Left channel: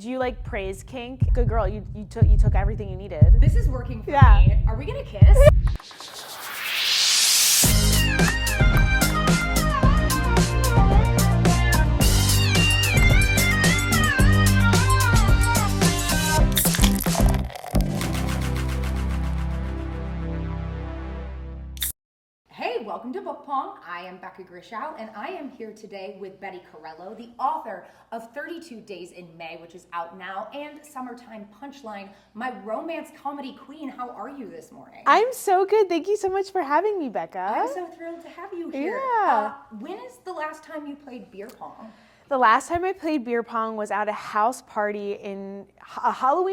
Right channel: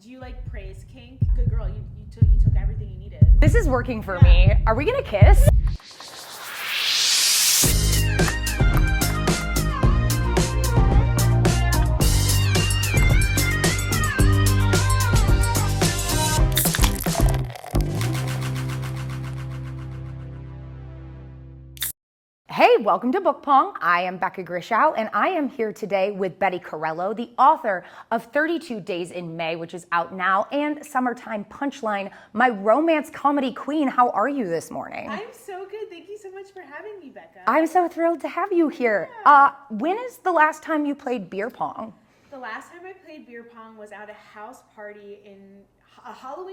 Do you like praise kink? Good girl, you took everything you needed. This is working for me. Are we gonna kiss? Hey, welcome to Book Pong. I am Becca Grischow, and I am here today with Becca Corrello, the author of 32 Days in May, which is out now, and Summertime Punchline, my romance comedy queen. How are you this morning? I'm so good. Thank you so much for having me, Becca. I'm so thrilled to have you here. Yeah. When is the last time you played beer pong? The last time I played beer pong was at a Halloween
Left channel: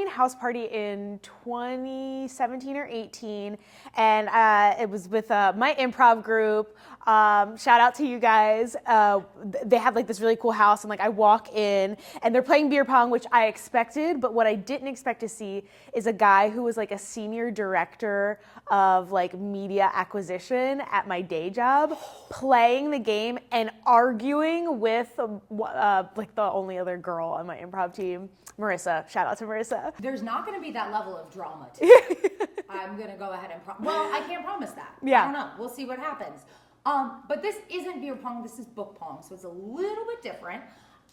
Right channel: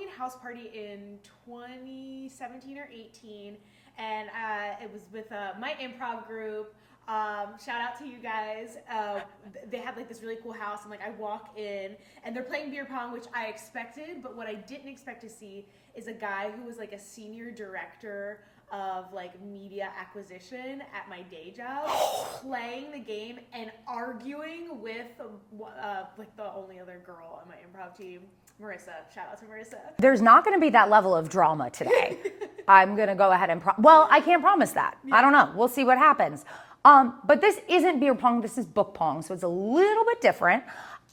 house party in 2017 or 18, and it was with my improv group. Shout out to you guys. They had like this really cool house, and like I walk in, and they're playing beer pong, which I expected, but what I didn't expect to see is a guy who was like a senior director of like media acquisition at my day job playing the game and arguing with like the only other girl on my improv team, Marissa. Shout out to Marissa. There's not going to be that level of drama today. I'm going to go ahead and well, I can't promise that. Yeah. I don't know. We'll see what happens. But this isn't beer pong. This is book pong, so it's a little bit different.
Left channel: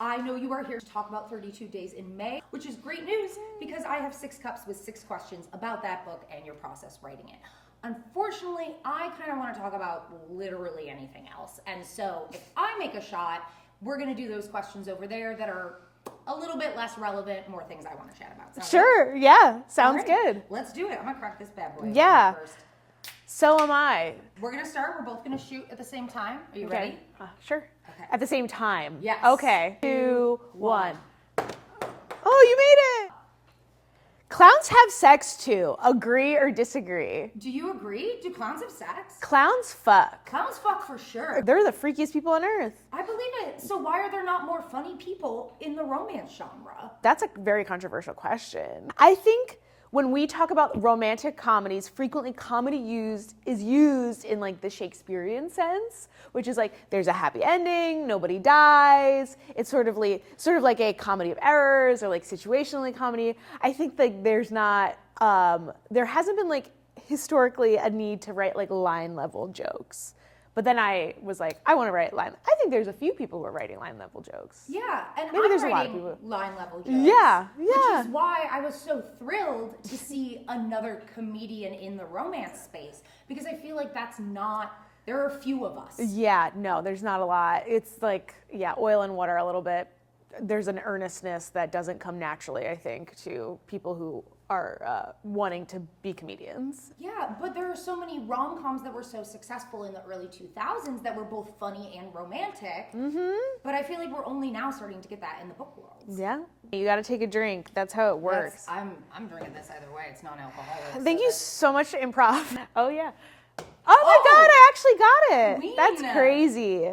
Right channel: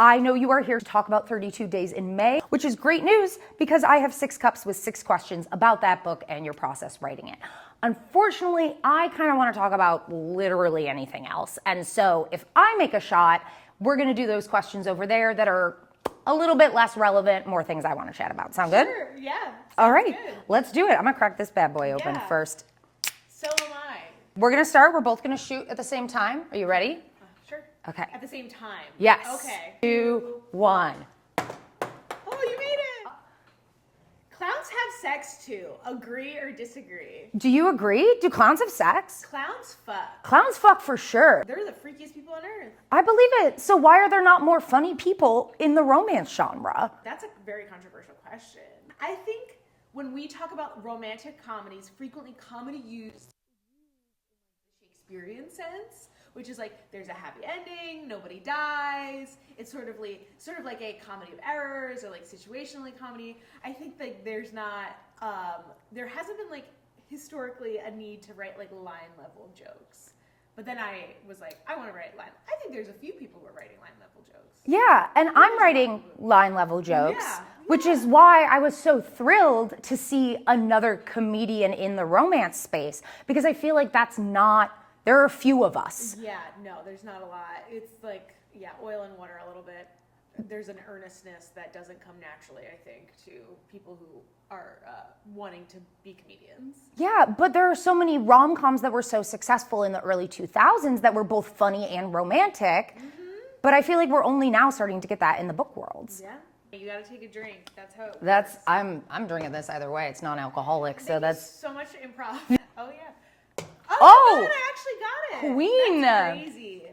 I know you are here to talk about 32 Days in May, which is great news because I have 6 cups with 6 questions about that book and your process writing it. Unfortunately, I kind of want to talk about literally anything else. And so if I make a shot, we're going to do those questions over there that are a little bit less relevant, more things I want to chat about. Sound good? Sure, yeah, sounds All right, good. Let's do it. I'm going to crack this bad boy open first. So am I. We're going to start. We're both going to shoot at the same time. Are you ready? Sure. Okay. At the same time? Yes. Okay. 2, 1. Oh, you made it! Clowns have sex too. Agree or disagree? Do you agree? Do clowns have sex? Clowns fuck. Clowns fuck for sure. They're the freakiest people on earth. I believe it. So why are there not more funny people in the romance genre? That's a very controversial question. I think when we talk about romantic comedies, frequently comedy is used in like the Shakespearean sense, which is like there's a happy ending, nobody dies. It's sort of like a comedy of errors or like situationally comedy. I think that there hasn't been like historically a need to write like line level jokes. But then I was like, I want to write line. I think there's a few people who are writing line level jokes. Yeah, and Maybe I'm writing line level jokes. Yeah, which is why I was so thrilled to see another comedian in the romance space, because I feel like there are a few of us. Yeah, no, there's not a lot. It's like, oil and water a little bit. There's an earnestness that doesn't come naturally, I think, to people who are wanting to be comedians. Yeah, but there are so many rom-coms that were so successful in the early 2000s that were both funny and romantic. Mm-hmm. But I feel like we're only now starting to get that in the book world. Yeah. You got to take a drink. That's how it works. I'm drinking this either way. It's non-alcoholic. Thank you so much to improv. Oh, yeah. Oh, my God, I actually got it. Queen. That's crazy.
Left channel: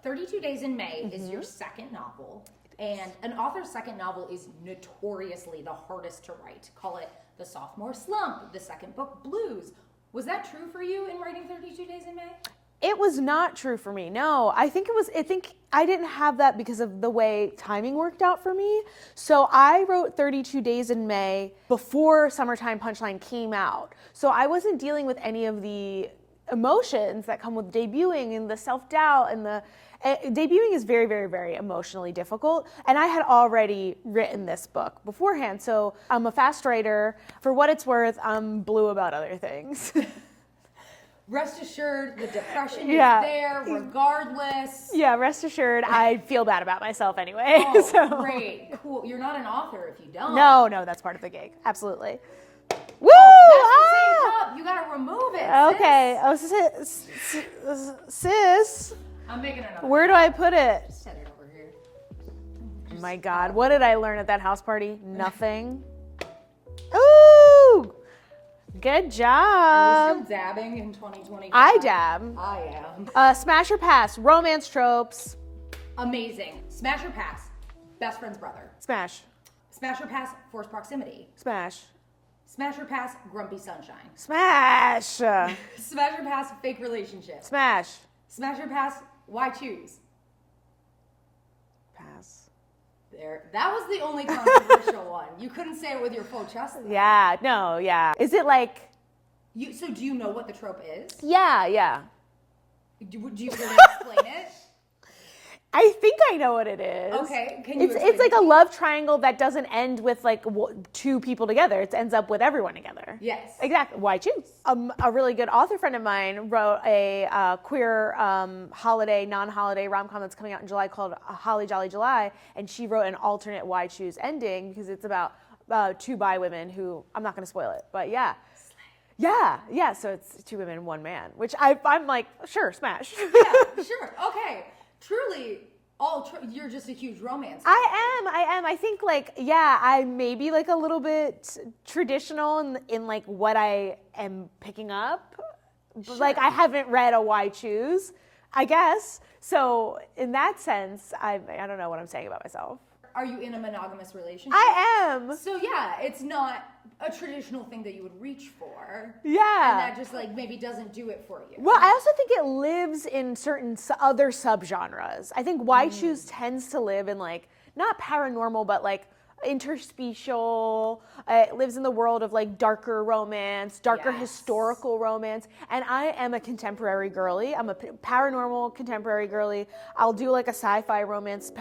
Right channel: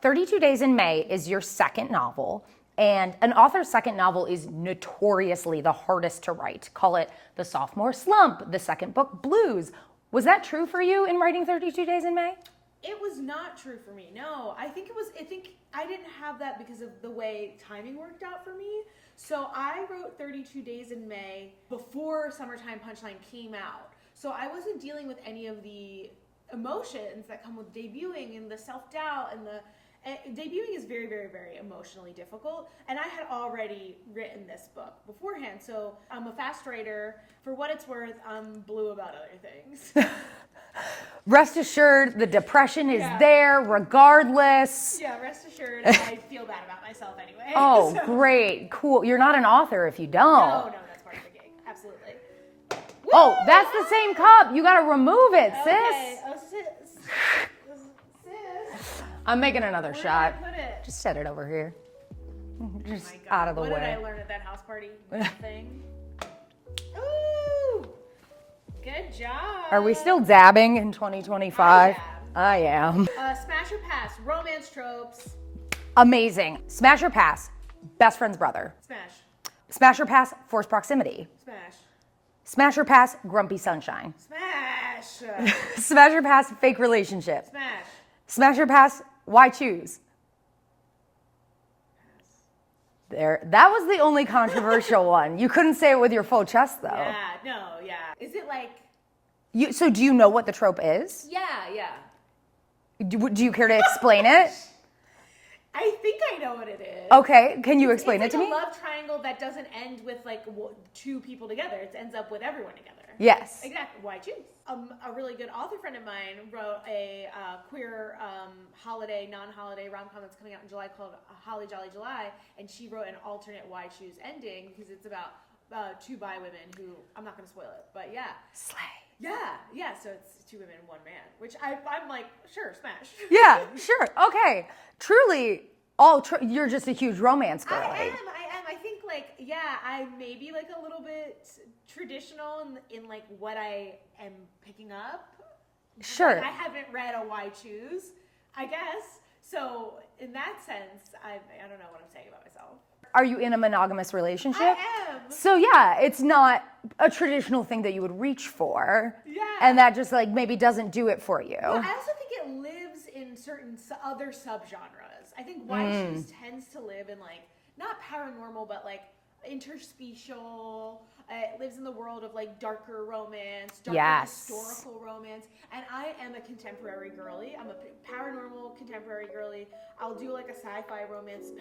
32 Days in May is your second novel. And an author's second novel is notoriously the hardest to write. Call it the sophomore slump, the second book blues. Was that true for you in writing 32 Days in May? It was not true for me. No, I think I didn't have that because of the way timing worked out for me. So I wrote 32 Days in May before Summertime Punchline came out. So I wasn't dealing with any of the emotions that come with debuting and the self-doubt and debuting is very, very, very emotionally difficult. And I had already written this book beforehand. So I'm a fast writer. For what it's worth, I'm blue about other things. Rest assured, the depression is there regardless. Yeah, rest assured, I feel bad about myself anyway. Oh, great. Cool. You're not an author if you don't. No, that's part of the gig. Absolutely. Woo! Oh, that's the same cup. You got to remove it, sis. Okay. Oh, sis. I'm making another Where shot. do I put it? Just set it over here. Oh my God. What did I learn at that house party? Nothing. Ooh! Good job. Are we still dabbing in 2025? I dab. I am. Smash or pass? Romance tropes. Amazing. Smash or pass? Best friend's brother. Smash. Smash or pass? Forced proximity. Smash. Smash or pass? Grumpy sunshine. Smash. Smash or pass? Fake relationship. Smash. Smash or pass? Why choose? Pass. There, that was the only controversial one. You couldn't say it with your full chest, though. Yeah, no, yeah. Is it like... So do you know what the trope is? Yeah. Do you care to explain it? I think I know what it is. Okay, can you explain it It's to like a me? love triangle that doesn't end with like two people together. It ends up with everyone together. Yes. Exactly. Why choose? A really good author friend of mine wrote a queer holiday, non-holiday rom-com that's coming out in July called Holly Jolly July, and she wrote an alternate Why Choose ending because it's about two bi women who, I'm not going to spoil it, but yeah. Slay. Yeah. So it's two women and one man, which I'm like, sure, smash. Yeah, sure. Okay. Truly, you're just a huge romance girl. I am. I think like, yeah, I may be like a little bit traditional in like what I am picking up. Sure. Like I haven't read a Why Choose, I guess. So in that sense, I don't know what I'm saying about myself. Are you in a monogamous relationship? I am. So yeah, it's not a traditional thing that you would reach for. Yeah. And that just like maybe doesn't do it for you. Well, I also think it lives in certain other subgenres. I think Why Choose tends to live in like, not paranormal, but like interspecial. It lives in the world of like darker romance, darker historical romance. And I am a contemporary girly. I'm a paranormal contemporary girly. I'll do like a sci-fi romance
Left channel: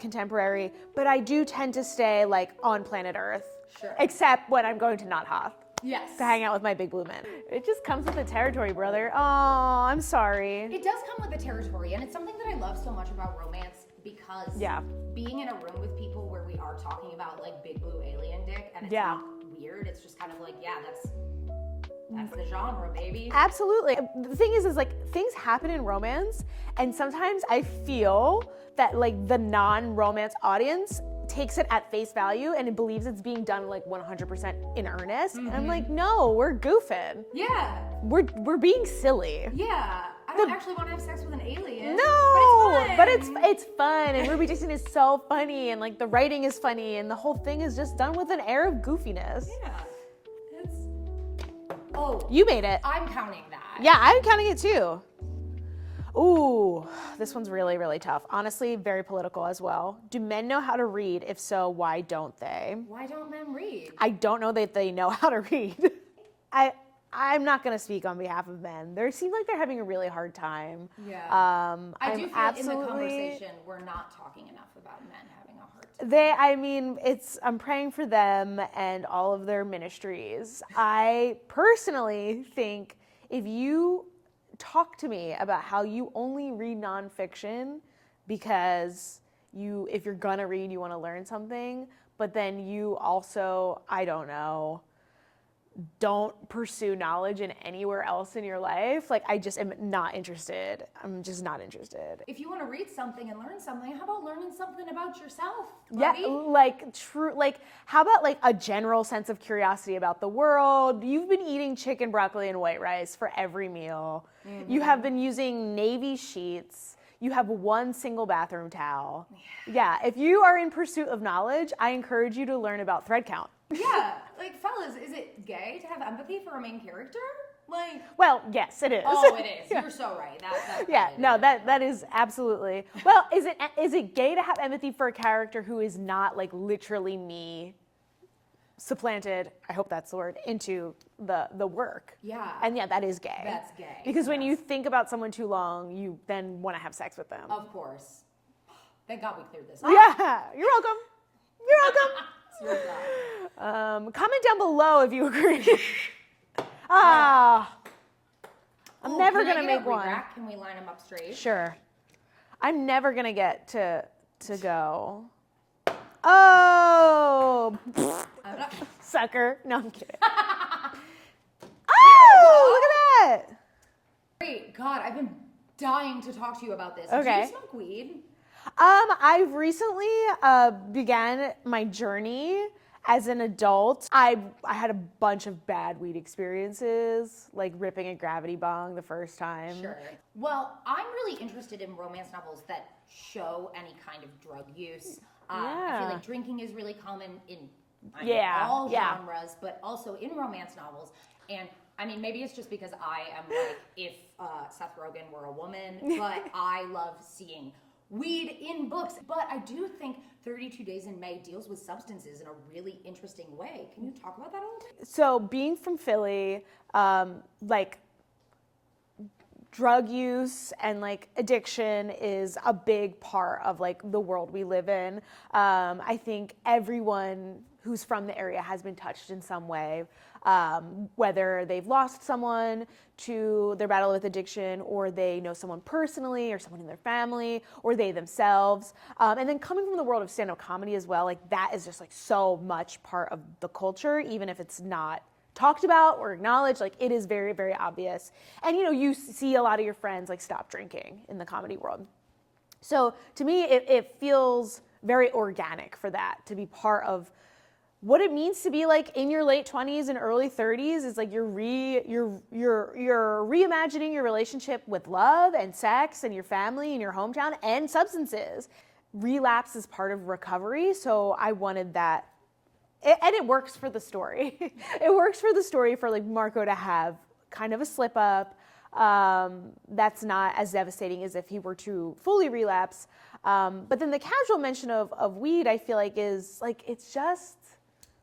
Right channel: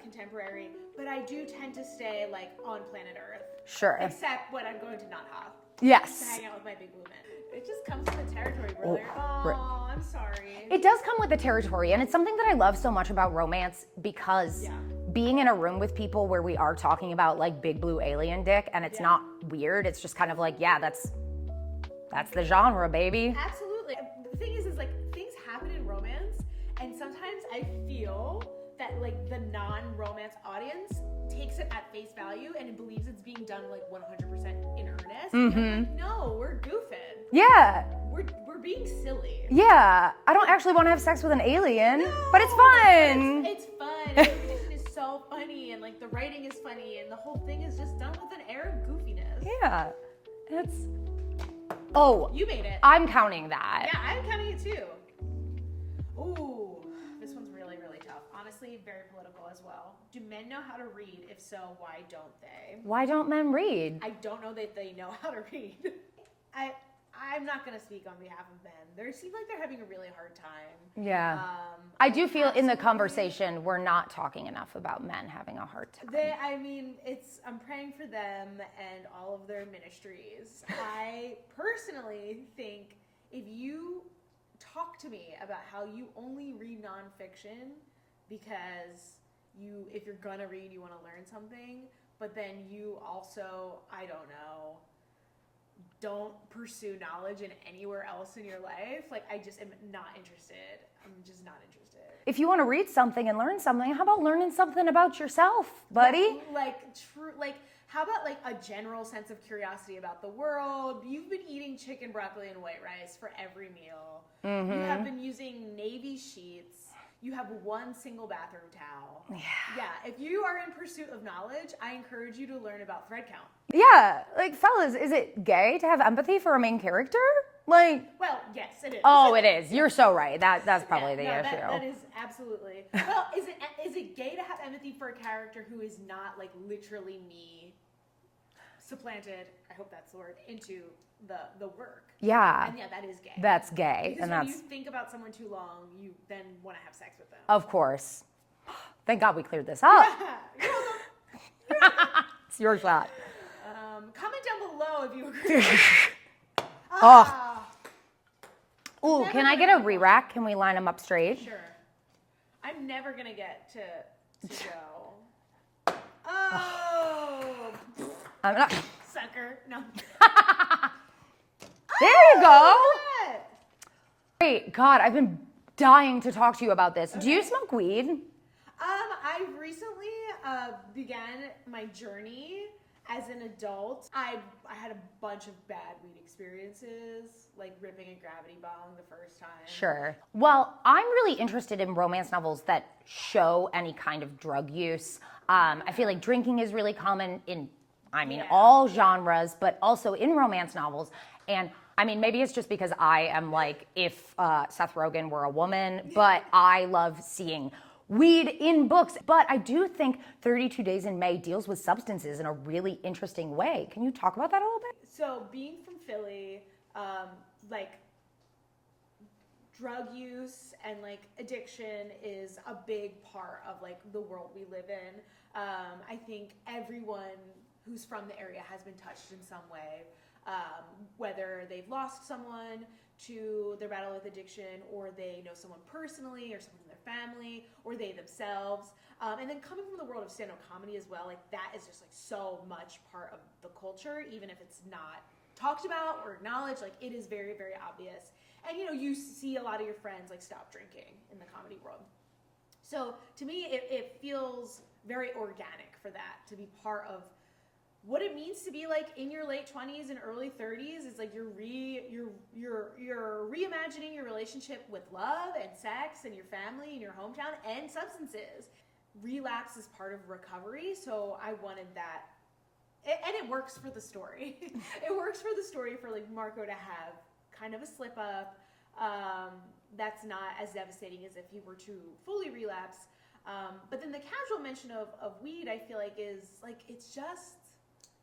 contemporary, but I do tend to stay like on planet Earth. Sure. Except when I'm going to Knot Hoth. Yes. To hang out with my big blue men. It just comes with the territory, brother. Oh, I'm sorry. It does come with the territory, and it's something that I love so much about romance because being in a room with people where we are talking about like big blue alien dick, and it's not weird. It's just kind of like, yeah, that's the genre, baby. Absolutely. The thing is like things happen in romance, and sometimes I feel that like the non-romance audience takes it at face value and it believes it's being done like 100% in earnest. And I'm like, no, we're goofing. Yeah. We're being silly. Yeah. I don't actually want to have sex with an alien. No. But it's fun. But it's fun. And Ruby Dixon is so funny, and like the writing is funny, and the whole thing is just done with an air of goofiness. Yeah. It's... Oh. You made it. I'm counting that. Yeah, I'm counting it too. Ooh, this one's really, really tough. Honestly, very political as well. Do men know how to read? If so, why don't they? Why don't men read? I don't know that they know how to read. I'm not going to speak on behalf of men. They seem like they're having a really hard time. Yeah. I do feel in the absolutely- conversation we're not talking enough about men having a hard time. I'm praying for them and all of their ministries. I personally think if you talk to me about how you only read nonfiction because if you're gonna read, you want to learn something, but then you also, I don't know, don't pursue knowledge in anywhere else in your life, like I just am not interested. I'm just not interested. If you want to read something and learn something, how about learning something about yourself, buddy? Yeah, how about like a general sense of curiosity about the world? You've been eating chicken, broccoli, and white rice for every meal. You have been using navy sheets. You have one single bathroom towel. Yeah, if you are in pursuit of knowledge, I encourage you to learn about thread count. Yeah, like fellas, is it gay to have empathy for a main character? Like, well, yes, it is. oh, it is. You're so right. That's probably the issue. that is absolutely. Well, is it gay to have empathy for a character who is not like literally me supplanted, I hope that's the word, into the work? Yeah. And yeah, that is gay. That's gay. Because when you think about someone too long, you then want to have sex with them. Of course. Thank God we cleared this up. Yeah, you're welcome. You're welcome. It's your thought. Comment down below if you agree. Oh, never can I gonna get a make one. re-rack? Can we line them up straight? Sure. I'm never gonna get to go. Oh, I'm not. sucker. No, I'm kidding. There you go. Look at that. Great. God, I've been dying to talk to you about this. Do Okay. you smoke weed? I've recently began my journey as an adult. I had a bunch of bad weed experiences, like ripping a gravity bong the first time. Sure. Well, I'm really interested in romance novels that show any kind of drug use. I feel like drinking is really common in all genres, but also in romance novels. And I mean, maybe it's just because I am like, if Seth Rogen were a woman, but I love seeing weed in books. But I do think 32 Days in May deals with substances in a really interesting way. Can you talk about that a little bit? So being from Philly, like drug use and like addiction is a big part of like the world we live in. I think everyone who's from the area has been touched in some way, whether they've lost someone to their battle with addiction, or they know someone personally, or someone in their family, or they themselves. And then coming from the world of stand-up comedy as well, like that is just like so much part of the culture, even if it's not talked about or acknowledged, like it is very, very obvious. And you know, you see a lot of your friends like stop drinking in the comedy world. So to me, it feels very organic for that to be part of what it means to be like in your late 20s and early 30s. Is like you're reimagining your relationship with love and sex and your family and your hometown and substances. Relapse is part of recovery, so I wanted that. And it works for the story. It works for the story for like Marco to have kind of a slip up that's not as devastating as if he were to fully relapse. But then the casual mention of weed, I feel like is like, it's just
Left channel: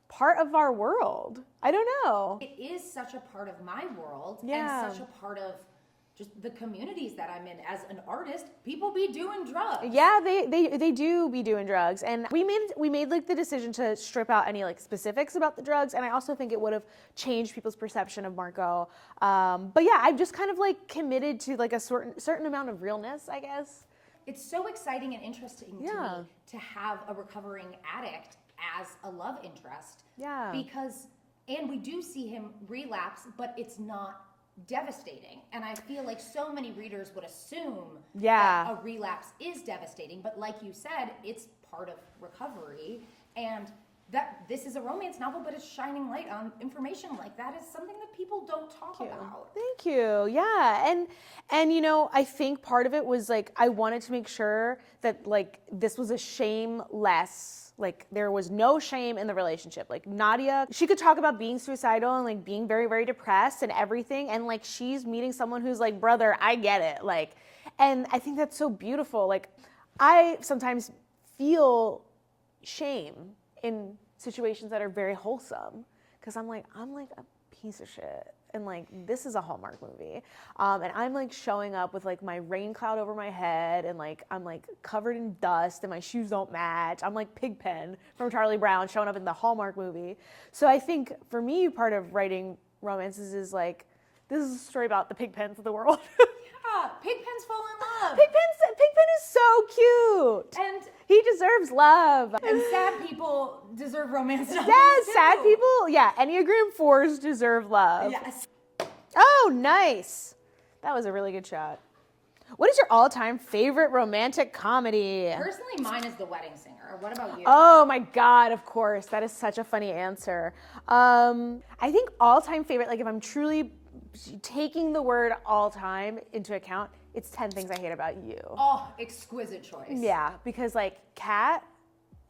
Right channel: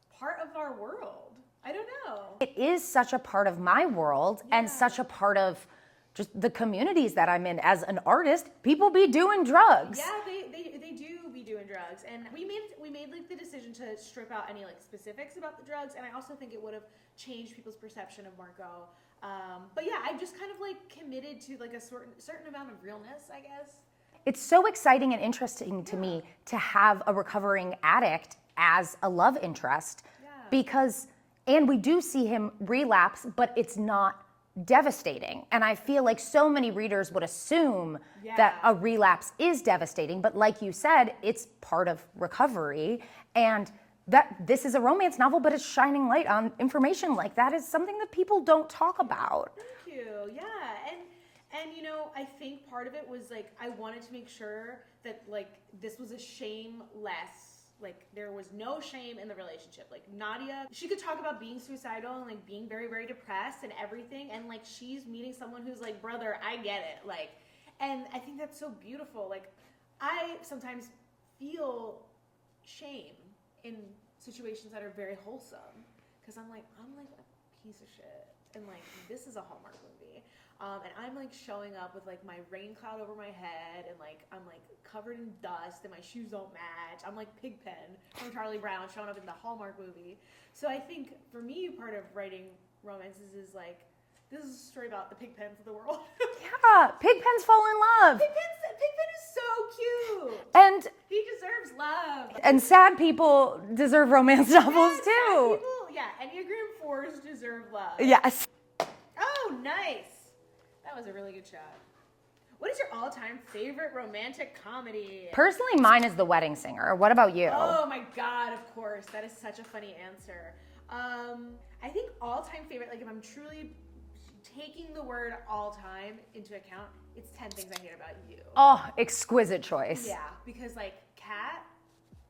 part of our world. I don't know. It is such a part of my world and such a part of just the communities that I'm in as an artist. People be doing drugs. Yeah, they do be doing drugs, and we made like the decision to strip out any like specifics about the drugs, and I also think it would have changed people's perception of Marco. But yeah, I've just kind of like committed to like a certain amount of realness, I guess. It's so exciting and interesting to me to have a recovering addict as a love interest. Yeah. Because, and we do see him relapse, but it's not devastating. And I feel like so many readers would assume that a relapse is devastating, but like you said, it's part of recovery, and that this is a romance novel, but it's shining light on information like that is something that people don't talk about. Thank you. Yeah. And you know, I think part of it was like I wanted to make sure that like this was a shameless, like there was no shame in the relationship. Like Nadia, she could talk about being suicidal and like being very, very depressed and everything. And like she's meeting someone who's like, brother, I get it. Like, and I think that's so beautiful. Like I sometimes feel shame in situations that are very wholesome because I'm like a piece of shit. And like, this is a Hallmark movie. And I'm like showing up with like my rain cloud over my head and like, I'm like covered in dust and my shoes don't match. I'm like Pigpen from Charlie Brown showing up in the Hallmark movie. So I think for me, part of writing romances is like, this is a story about the Pigpens of the world. Yeah, Pigpens fall in love. Pigpen is so cute. And he deserves love. And sad people deserve romance novels too. Sad people, yeah, Enneagram 4s deserve love. Yes. Oh, nice. That was a really good shot. What is your all-time favorite romantic comedy? Personally, mine is The Wedding Singer. What about you? Oh my God, of course. That is such a funny answer. I think all-time favorite, like if I'm truly taking the word all-time into account, it's 10 Things I Hate About You. Oh, exquisite choice. Yeah, because like Kat,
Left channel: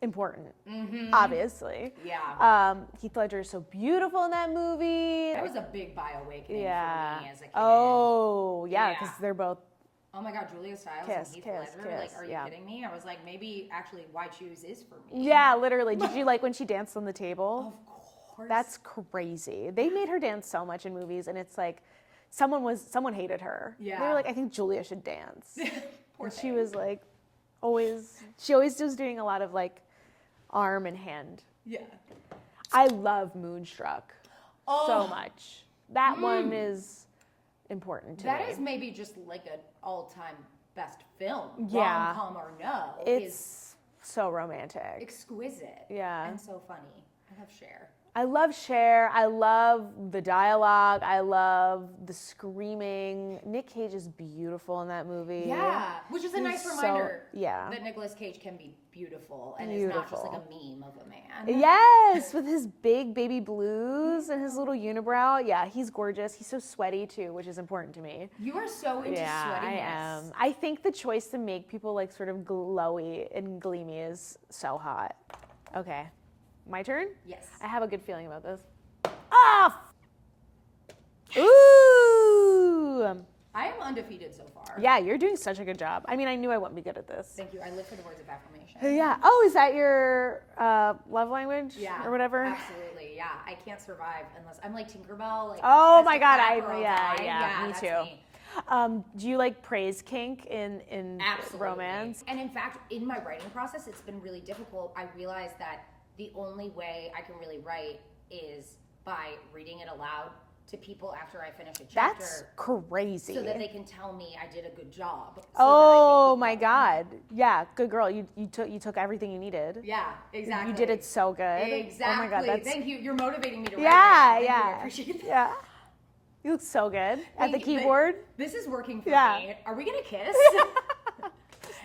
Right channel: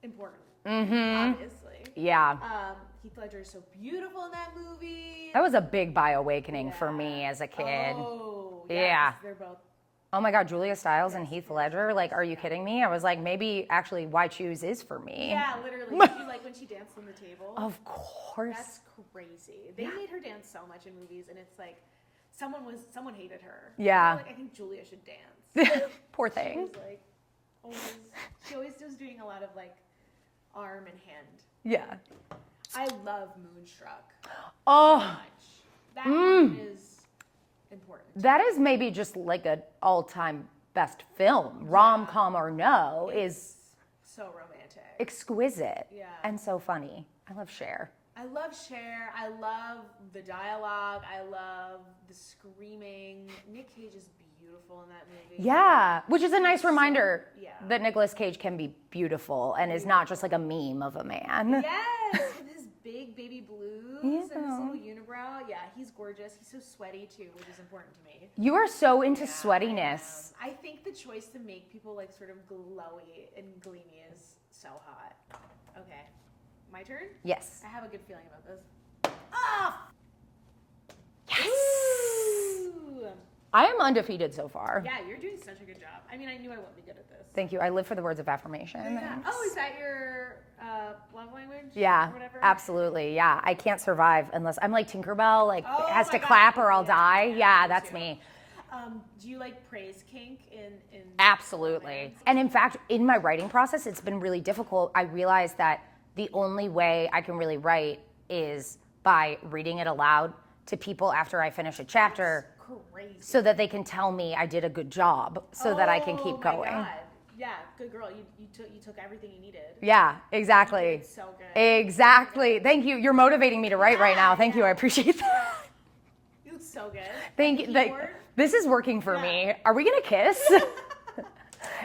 important, obviously. Yeah. Heath Ledger is so beautiful in that movie. That was a big bi-awakening for me as a kid. Oh, yeah, because they're both. Oh my God, Julia Stiles and Heath Kiss, Ledger. Like, are you kidding me? I was like, maybe actually Why Choose is for me. Yeah, literally. Did you like when she danced on the table? Of course. That's crazy. They made her dance so much in movies, and it's like someone hated her. Yeah. They were like, I think Julia should dance. Poor thing. She was like, she always was doing a lot of like arm and hand. Yeah. I love Moonstruck Oh. so much. That one is important to That me. is maybe just like an all-time best film, rom-com or no, is so romantic. exquisite. Yeah. And so funny. I love Cher. I love Cher. I love the dialogue. I love the screaming. Nick Cage is beautiful in that movie. Yeah, which is a He's nice reminder yeah. that Nicolas Cage can be beautiful and is not just like a meme of a man. Yes, with his big baby blues and his little unibrow. Yeah, he's gorgeous. He's so sweaty too, which is important to me. You are so into Yeah, sweatiness. I think the choice to make people like sort of glowy and gleamy is so hot. Okay, my turn? Yes. I have a good feeling about this. Ah! Ooh! I am undefeated so far. Yeah, you're doing such a good job. I mean, I knew I wouldn't be good at this. Thank you. I live for the words of affirmation. Yeah. Oh, is that your love language? Yeah. Or whatever? Absolutely. Yeah. I can't survive unless I'm like Tinkerbell, like Oh it has my to God, clap or I'll die. me That's too. me. Do you like praise kink in Absolutely. romance? And in fact, in my writing process, it's been really difficult. I realized that the only way I can really write is by reading it aloud to people after I finish a chapter. That's crazy. So that they can tell me I did a good job so that I can keep going. Oh my God. Yeah, good girl. You took everything you needed. Yeah, exactly. You did it so good. Exactly. Oh my God, Thank you. You're motivating me to write right now. Thank you. I appreciate that. Yeah. You look so good. Thank At the you. keyboard. This is working for Yeah. me. Are we gonna kiss?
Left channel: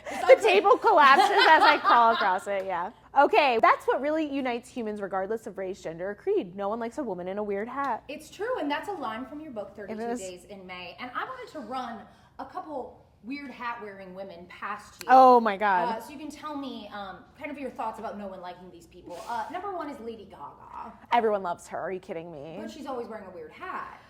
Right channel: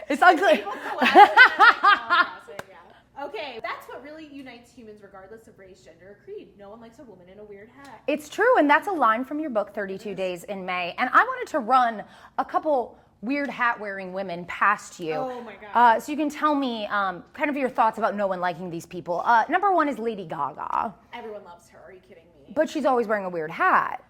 It's The ugly. table collapses as I call across it, yeah. Okay, that's what really unites humans regardless of race, gender, or creed. No one likes a woman in a weird hat. It's true, and that's a line from your book, 32 is. Days in May. And I wanted to run a couple weird hat-wearing women past you. Oh my God. So you can tell me kind of your thoughts about no one liking these people. Number one is Lady Gaga. Everyone loves her. Are you kidding me? But she's always wearing a weird hat.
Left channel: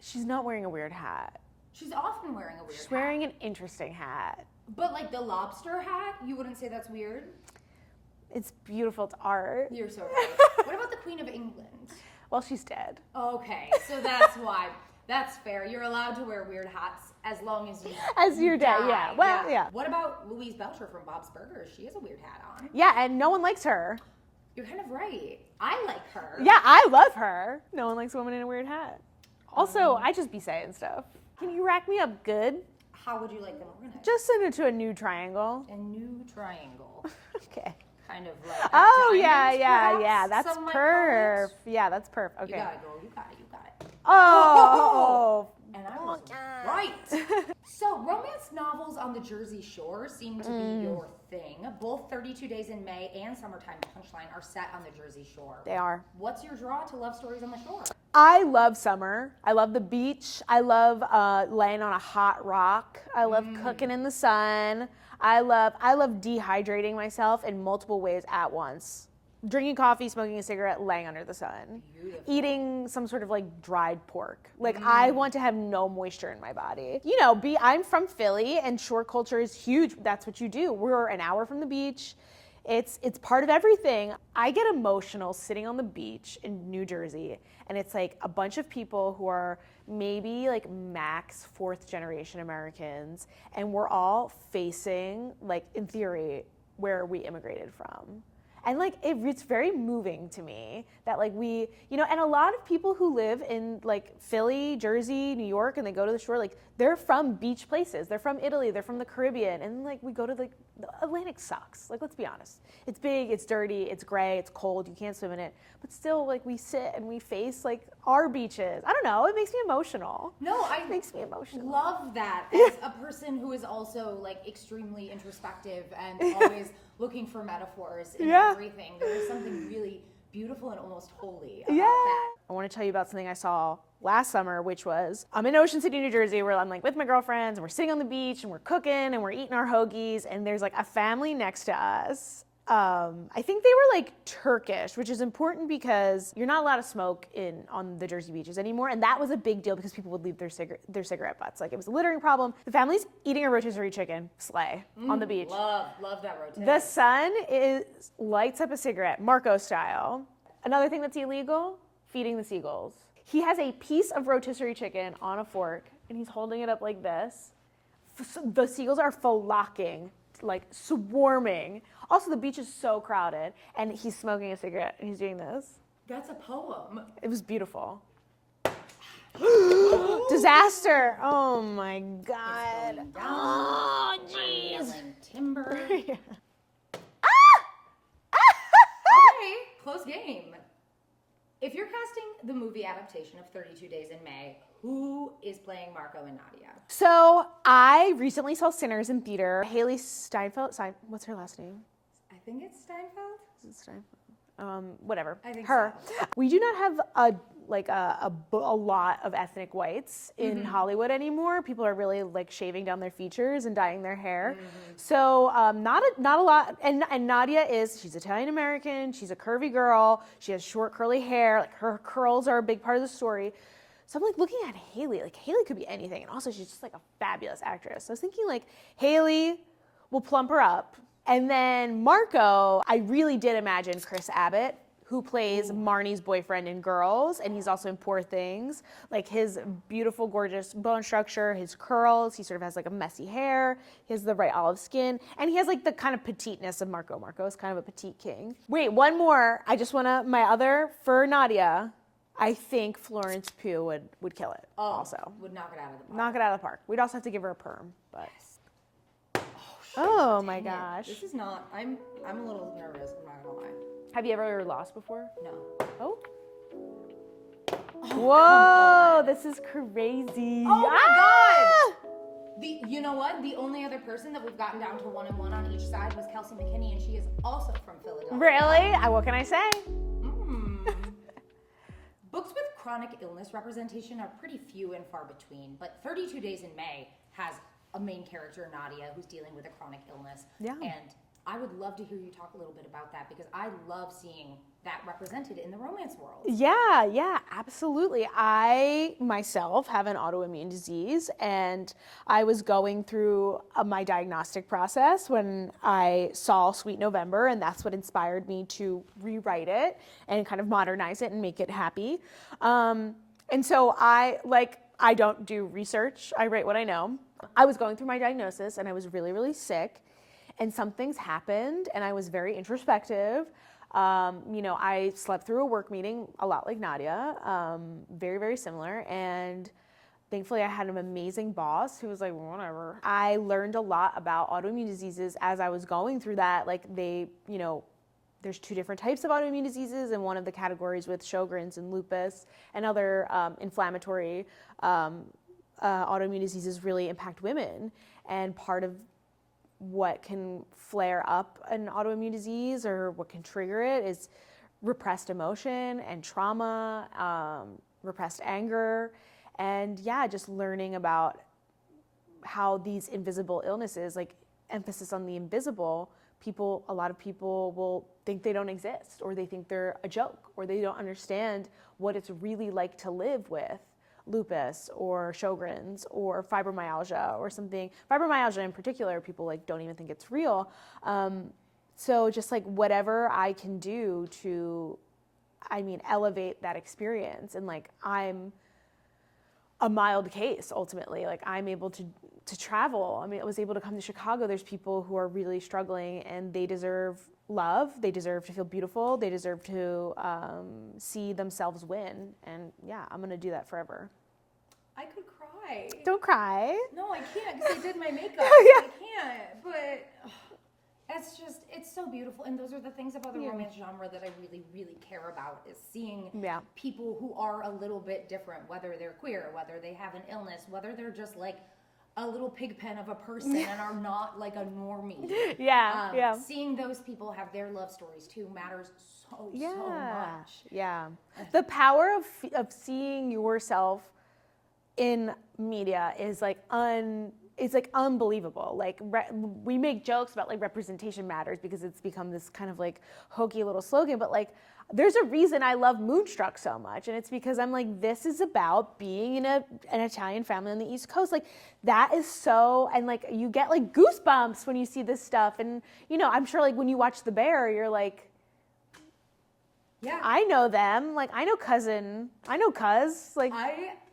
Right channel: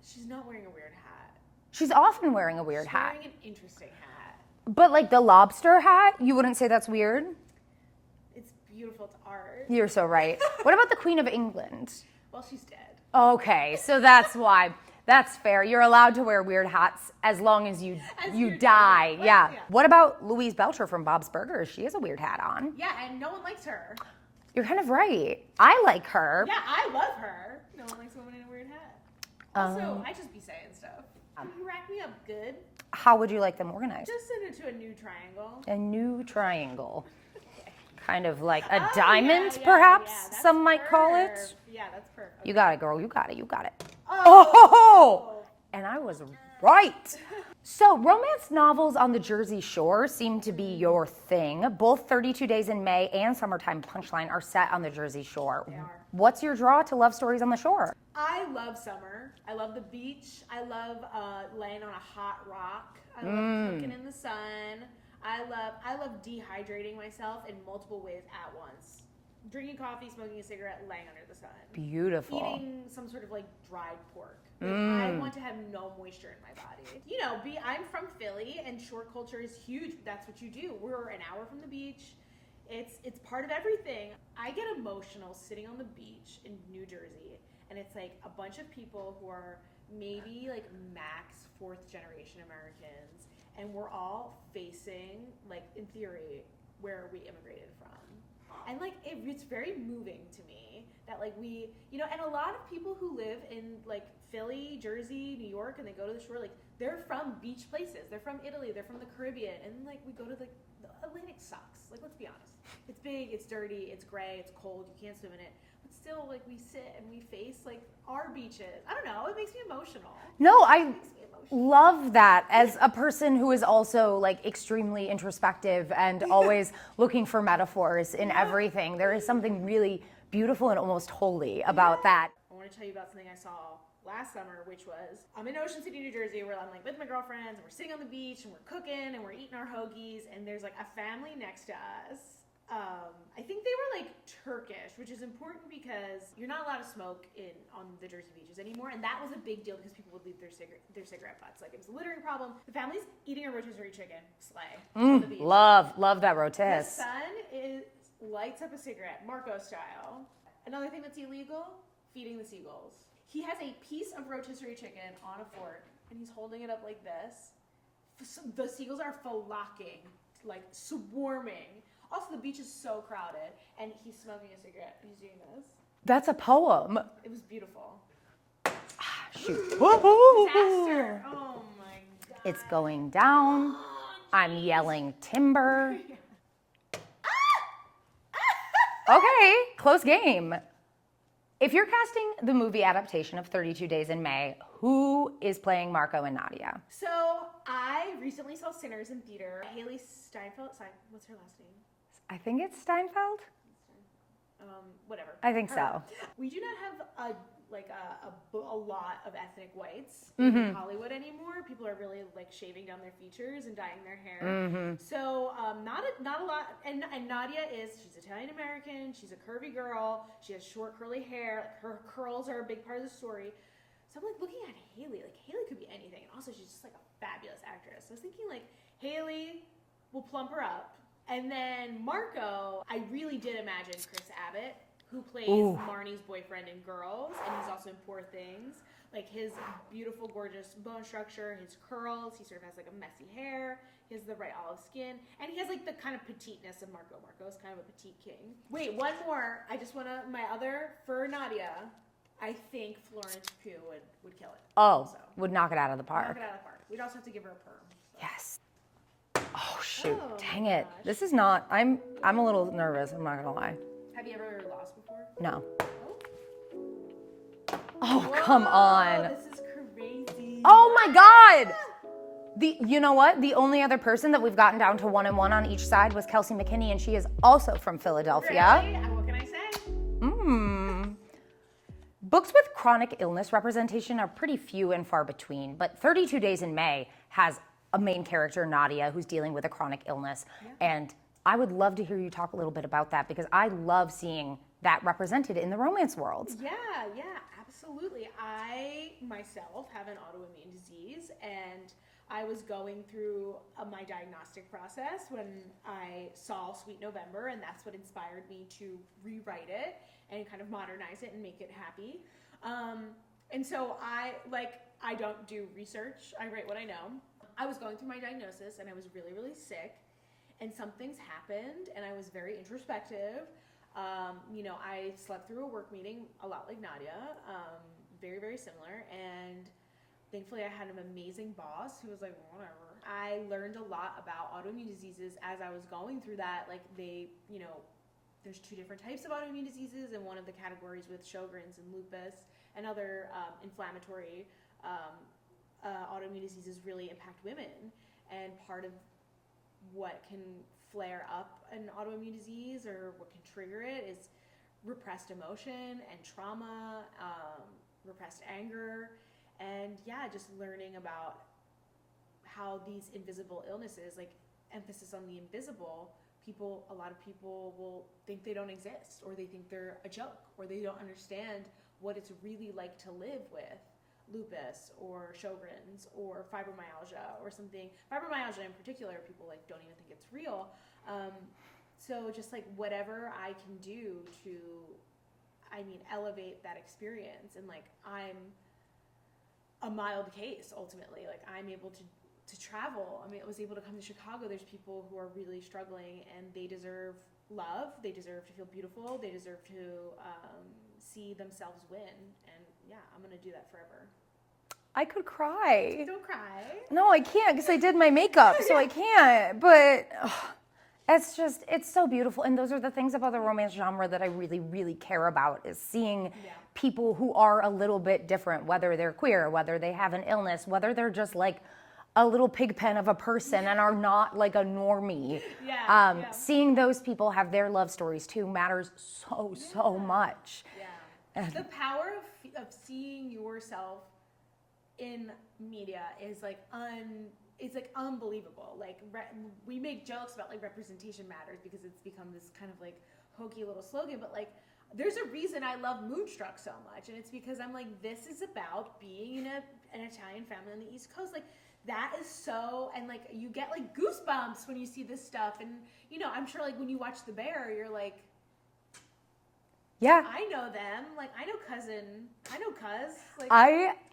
she's not wearing a weird hat. She's often wearing a weird She's hat. wearing an interesting hat. But like the lobster hat, you wouldn't say that's weird? It's beautiful. It's art. You're so right. What about the Queen of England? Well, she's dead. Okay, so that's why. That's fair. You're allowed to wear weird hats as long as you you're dead, die. yeah. Well, yeah. What about Louise Belcher from Bob's Burgers? She has a weird hat on. Yeah, and no one likes her. You're kind of right. I like her. Yeah, I love her. No one likes a woman in a weird hat. Also, I just be saying stuff. Can you rack me up good? How would you like them organized? Just send it to a new triangle. a new triangle. Okay. Kind of like a Oh, diamond, perhaps? Yeah, that's some might call perf. it. Yeah, that's perf. Okay. You got it, girl. You got it. You got it. Oh. And I was right. So, romance novels on the Jersey Shore seem to be your thing. Both 32 Days in May and Summertime Punchline are set on the Jersey Shore. They are. What's your draw to love stories on the shore? I love summer. I love the beach. I love laying on a hot rock. I love cooking in the sun. I love dehydrating myself in multiple ways at once. Drinking coffee, smoking a cigarette, laying under the sun. Beautiful. Eating some sort of like dried pork. Like I want to have no moisture in my body. You know, I'm from Philly and shore culture is huge. That's what you do. We're an hour from the beach. It's part of everything. I get emotional sitting on the beach in New Jersey and it's like a bunch of people who are maybe like max fourth generation Americans and we're all facing like in theory where we immigrated from. And like it's very moving to me that like we, you know, and a lot of people who live in like Philly, Jersey, New York, and they go to the shore, like they're from beach places. They're from Italy, they're from the Caribbean, and like we go to like the Atlantic sucks. Like let's be honest, it's big, it's dirty, it's gray, it's cold, you can't swim in it. But still, like we sit and we face like our beaches. I don't know, it makes me emotional. No, It makes me emotional. love that as a person who is also like extremely introspective and always looking for metaphors in Yeah. everything. There is something really beautiful and almost holy about that. I want to tell you about something I saw last summer, which was I'm in Ocean City, New Jersey, where I'm like with my girlfriends and we're sitting on the beach and we're cooking and we're eating our hoagies and there's like a family next to us. I think they were like Turkish, which is important because you're not allowed to smoke on the Jersey beaches anymore, and that was a big deal because people would leave their cigarette butts. Like it was a littering problem. The family's eating a rotisserie chicken, slay, on the beach. Love that The rotisserie. son lights up a cigarette, Marco style. Another thing that's illegal, feeding the seagulls. He has a piece of rotisserie chicken on a fork, and he's holding it up like this. The seagulls are flocking, like swarming. Also, the beach is so crowded, and he's smoking a cigarette, and he's doing this. That's a poem. It was beautiful. Disaster. Oh my God. It's going down. Oh, I'm geez. yelling timber. Okay, close game. If you're casting the movie adaptation of 32 Days in May, who is playing Marco and Nadia? So I recently saw Sinners in theater. Haley Steinfeld. What's her last name? I think it's Steinfeld. Is it Steinfeld? Whatever. I think Her. so. We do not have a lot of ethnic whites in Hollywood anymore. People are really like shaving down their features and dyeing their hair. So not a lot. And Nadia she's Italian American. She's a curvy girl. She has short curly hair. Like her curls are a big part of the story. So I'm like looking at Haley. Like Haley could be anything, and also she's just like a fabulous actress. So I was thinking like Haley will plump her up, and then Marco. I really did imagine Chris Abbott, who plays Marnie's boyfriend in Girls, and he's also in Poor Things. Like his beautiful, gorgeous bone structure, his curls. He sort of has like a messy hair. He has the right olive skin, and he has like the kind of petiteness of Marco. Marco is kind of a petite king. Wait, one more. I just want to, my other for Nadia. I think Florence Pugh would kill it. Also, would knock it out of the park. knock it out of the park. We'd also have to give her a perm. But. Yes. Oh shoot! Oh Dang my it. gosh. This is not. I'm a little nervous. I'm not gonna lie. Have you ever lost before? No. Oh. Oh, Whoa, come on. this is crazy. Oh my God! You know what? The only other person that we've gotten down to 1-1 on each side was Kelsey McKinney, and she is also from Philadelphia. Really? What can I say? Books with chronic illness representation are pretty few and far between, but 32 Days in May has a main character, Nadia, who's dealing with a chronic illness. Yeah. And I would love to hear you talk a little bit about that because I love seeing that represented in the romance world. Yeah, absolutely. I myself have an autoimmune disease, and I was going through my diagnostic process when I saw Sweet November, and that's what inspired me to rewrite it and kind of modernize it and make it happy. And so I don't do research. I write what I know. I was going through my diagnosis, and I was really, really sick, and some things happened, and I was very introspective. I slept through a work meeting a lot like Nadia, very, very similar. And thankfully I had an amazing boss who was like, whatever. I learned a lot about autoimmune diseases as I was going through that. Like there's two different types of autoimmune diseases, and one of the categories with Sjogren's and lupus and other inflammatory autoimmune diseases really impact women. And part of what can flare up an autoimmune disease or what can trigger it is repressed emotion and trauma, repressed anger, and just learning about how these invisible illnesses, like emphasis on the invisible, a lot of people will think they don't exist, or they think they're a joke, or they don't understand what it's really like to live with lupus or Sjogren's or fibromyalgia or something. Fibromyalgia in particular, people don't even think it's real. So just whatever I can do to, elevate that experience. And I'm a mild case ultimately. I'm able to travel. I was able to come to Chicago. There's people who are really struggling, and they deserve love. They deserve to feel beautiful. They deserve to see themselves win. And I'm going to do that forever. I could cry. Don't cry. No, I can't because I did my makeup, so I can't. But it's so beautiful. And those are the things about the romance genre that I really, really care about, is seeing people who are a little bit different, whether they're queer, whether they have an illness, whether they're just a little pig pen of a person and are not a normie. Seeing those people have their love stories too matters so much. Yeah. The power of seeing yourself in media is unbelievable. We make jokes about representation matters because it's become this kind of hokey little slogan, but there's a reason I love Moonstruck so much, and it's because I'm this is about being in an Italian family on the East Coast. That is so, and you get goosebumps when you see this stuff, and I'm sure when you watch The Bear, you're yeah, I know them. I know cousin. I know cuz.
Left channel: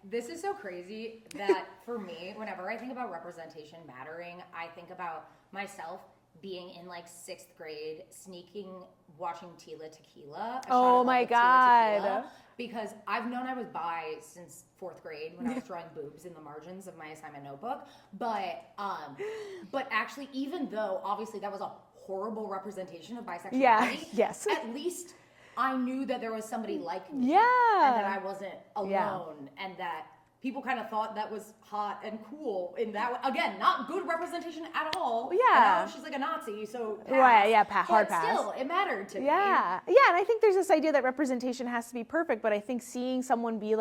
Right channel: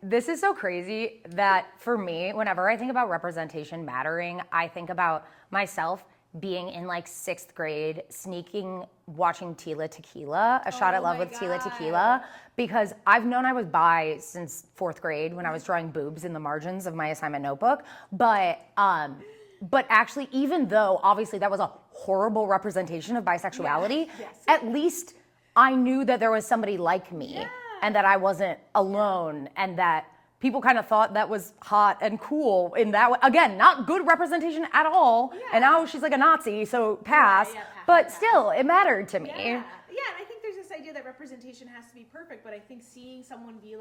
This is so crazy that for me, whenever I think about representation mattering, I think about myself being in 6th grade, watching Tila Tequila, A Shot at Love with Tila Tequila, because I've known I was bi since 4th grade when I was drawing boobs in the margins of my assignment notebook. But actually, even though obviously that was a horrible representation of bisexuality, at least I knew that there was somebody like me, and that I wasn't alone, and that people kind of thought that was hot and cool in that way. Again, not good representation at all. Yeah. And now she's a Nazi, so pass. But still, it mattered to me. Yeah, and I think there's this idea that representation has to be perfect, but I think seeing someone be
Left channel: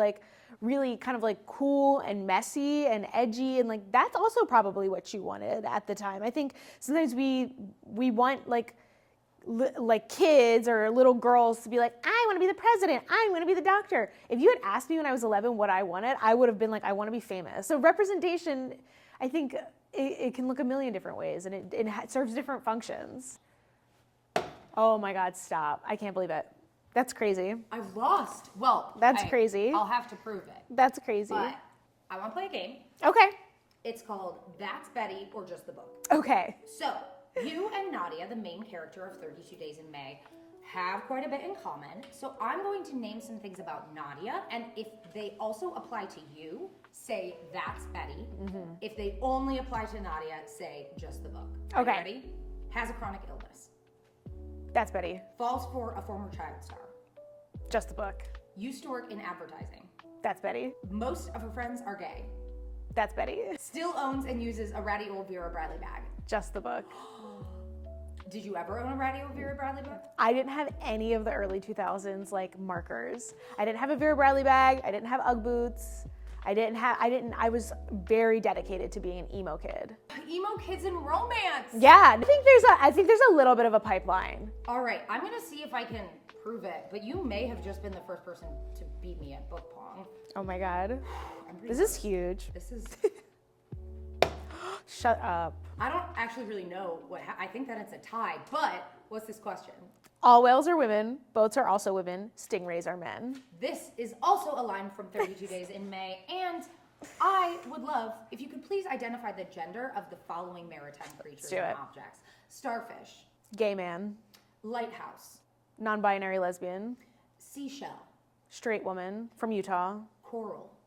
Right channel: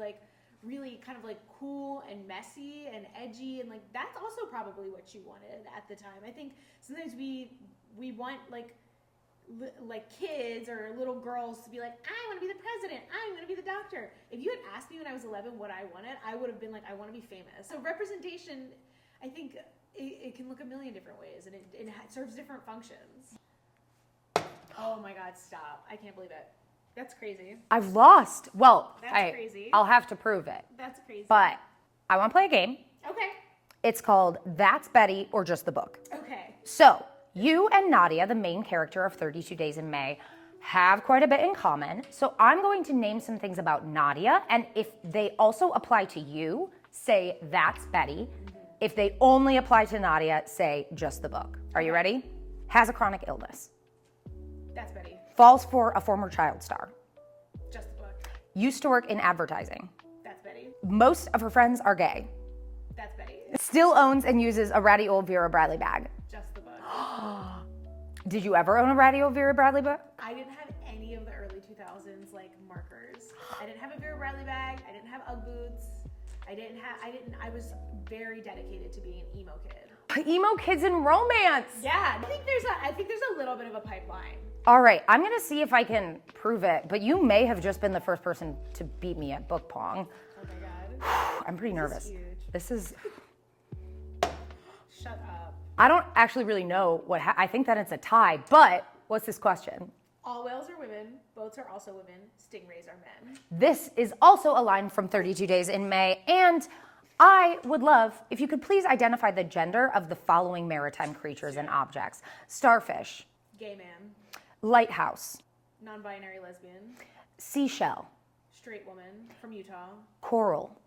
really kind of cool and messy and edgy, and that's also probably what you wanted at the time. I think sometimes we want like kids or little girls to be like, I want to be the president, I want to be the doctor. If you had asked me when I was 11 what I wanted, I would have been like, I want to be famous. So representation, I think it can look a million different ways, and it serves different functions. Oh my God, stop. I can't believe it. That's crazy. I've lost. Well, That's crazy. I'll have to prove it. That's crazy. But I want to play a game. Okay. It's called That's Betty or Just the Book. Okay. So, you and Nadia, the main character of 32 Days in May, have quite a bit in common. So I'm going to name some things about Nadia, and if they also apply to you, say that's Betty. If they only apply to Nadia, say just the book. Are you Okay. ready? Has a chronic illness. That's Betty. Falls for a former child star. Just the book. Used to work in advertising. That's Betty. Most of her friends are gay. That's Betty. Still owns and uses a ratty old Vera Bradley bag. Just the book. Did you ever own a ratty old Vera Bradley bag? I didn't have any of the early 2000s like markers. I didn't have a Vera Bradley bag. I didn't have Ugg boots. I was very dedicated to being an emo kid. Emo kids in romance. Yeah, I think there's a little bit of a pipeline. All right, I'm gonna see if I can prove it, but you may have just been the first person to beat me at book pong. Oh my God. I'm pretty This nervous. is huge. This is. Shut up. I don't actually really know I think that it's a tie, but what's this question? All whales are women, boats are also women, stingrays are men. This is also a line from 32 Days in May, and I would love if you could please identify the gender of the following maritime creatures and objects. Starfish, Gay man, lighthouse, non-binary lesbian, seashell, straight woman from Utah, coral,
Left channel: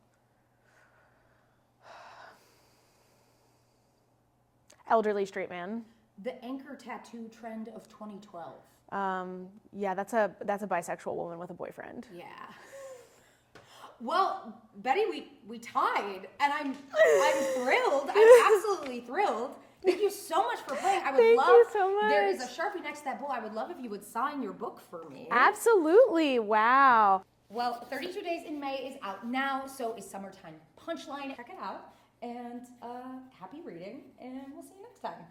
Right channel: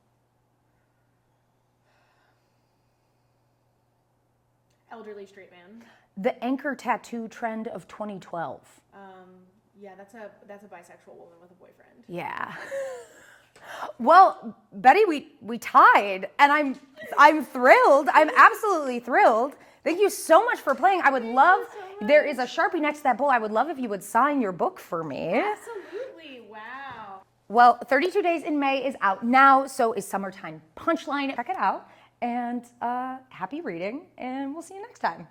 elderly straight man. the anchor tattoo trend of 2012. Yeah, that's a bisexual woman with a boyfriend. Yeah. Well, Betty, we tied, and I'm thrilled. I'm absolutely thrilled. Thank you so much for playing. I would Thank love. you so much. There is a Sharpie next to that bowl. I would love if you would sign your book for me. Absolutely. Wow. Well, 32 Days in May is out now, so is Summertime Punchline. Check it out, and happy reading, and we'll see you next time.